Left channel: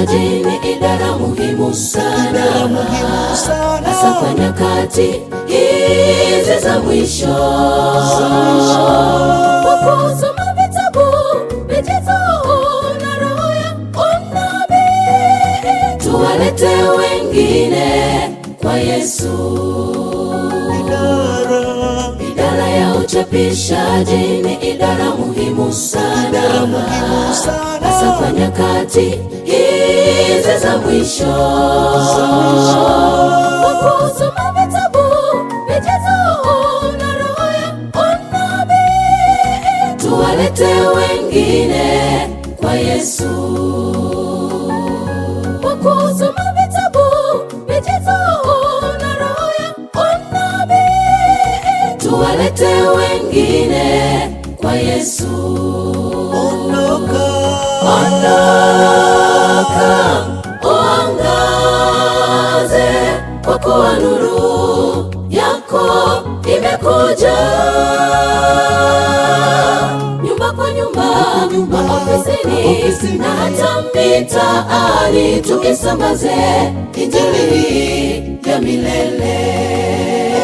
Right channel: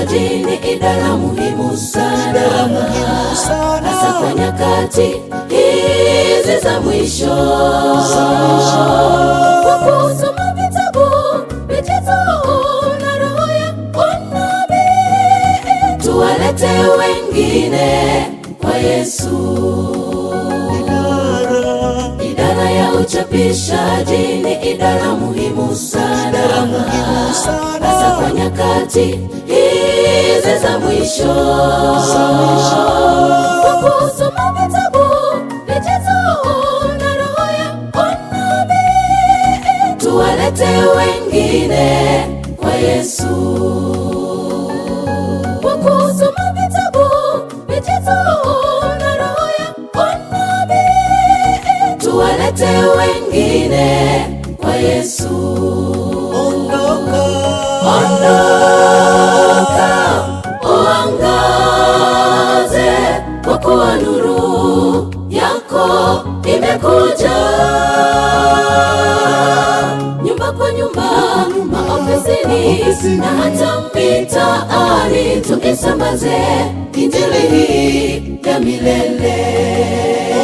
uchapishaji ni idara muhimu sana, idara muhimu sana. Hasa nyakati hizi za mwisho, kusoma vitabu vijazao na roho ya unabii, tuwalete wengine kwa Yesu. Idara ya uchapishaji ni idara muhimu sana, idara muhimu sana. Hasa nyakati hizi za mwisho, kusoma vitabu vijazao na roho ya unabii, tuwalete wengine kwa Yesu. Kusoma vitabu vijazao na roho ya unabii, tuwalete wengine kwa Yesu. Ondoka, uangaze, kwa kuwa nuru yako imekuja. Nyumba kwa nyumba, ofisini na hata mitaani, tukisambaze injili hii ya milele.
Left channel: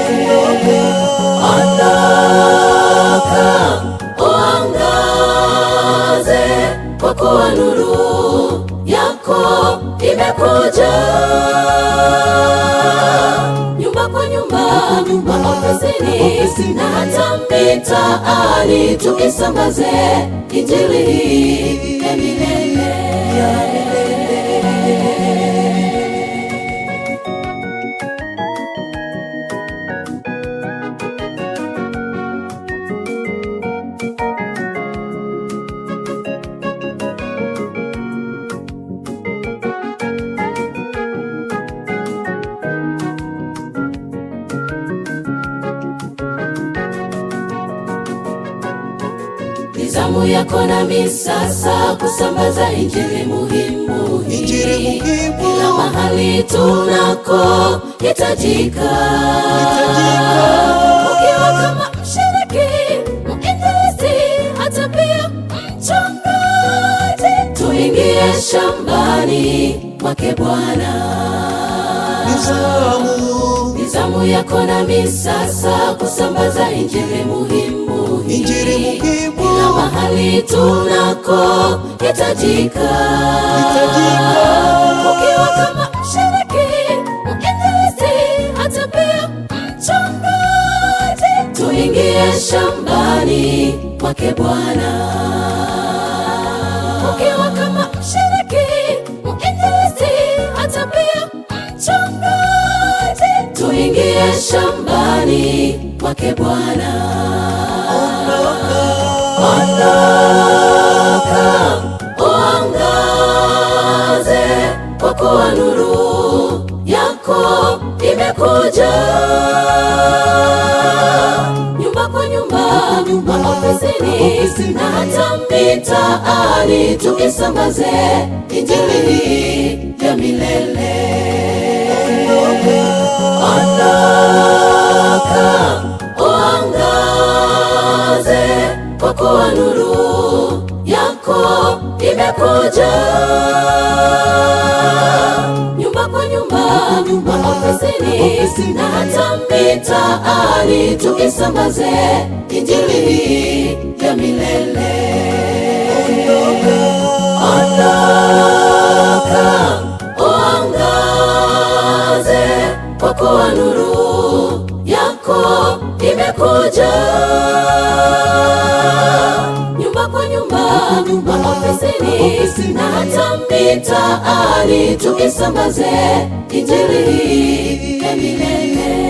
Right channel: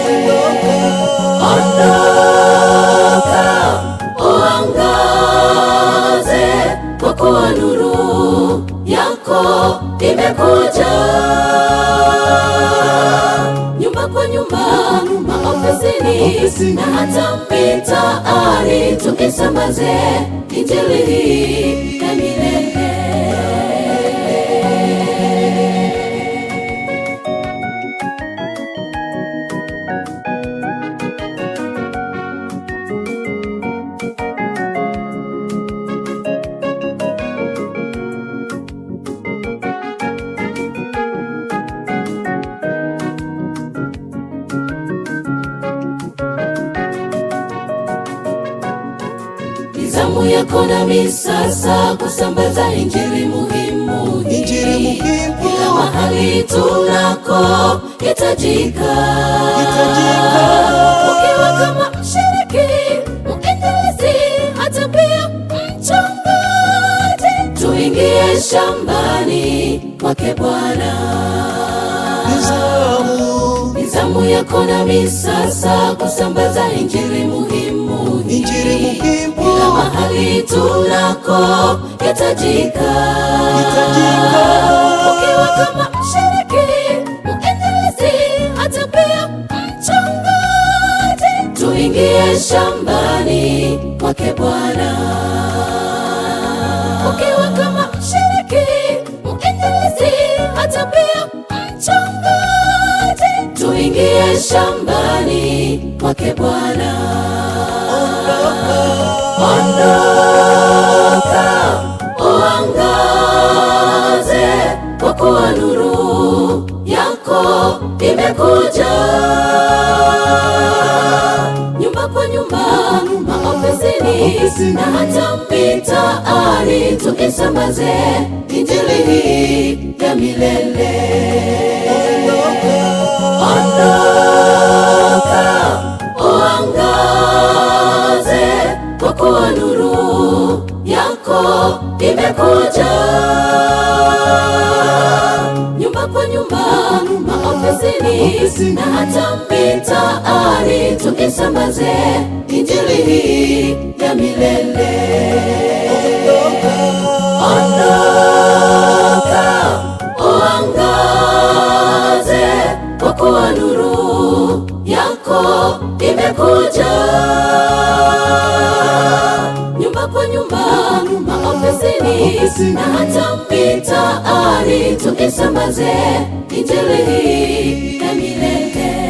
ondoka, uangaze, kwa kuwa nuru yako imekuja. Nyumba kwa nyumba, ofisini na hata mitaani, tukisambaze injili hii ya milele. Zamu yako nami sasa kusambaza injili muhimu, injili muhimu, mahali tunako hitajika. Kama mshiriki, mwinjilisti, hata pia mchungaji, tuingie shambani mwake Bwana. Ni zamu yako nami sasa kusambaza injili muhimu, injili muhimu, mahali tunako hitajika. Kama mshiriki, mwinjilisti, hata pia mchungaji, tuingie shambani mwake Bwana. Ukiwa kama mshiriki, mwinjilisti, hata pia mchungaji, tuingie shambani mwake Bwana. Uangaze, kwa kuwa nuru yako imekuja. Nyumba kwa nyumba, ofisini na hata mitaani, tukisambaze injili hii ya milele. Uangaze, kwa kuwa nuru yako imekuja. Nyumba kwa nyumba, ofisini na hata mitaani, tukisambaze injili hii ya milele. Uangaze, kwa kuwa nuru yako imekuja. Nyumba kwa nyumba, ofisini na hata mitaani, tukisambaze injili hii ya milele.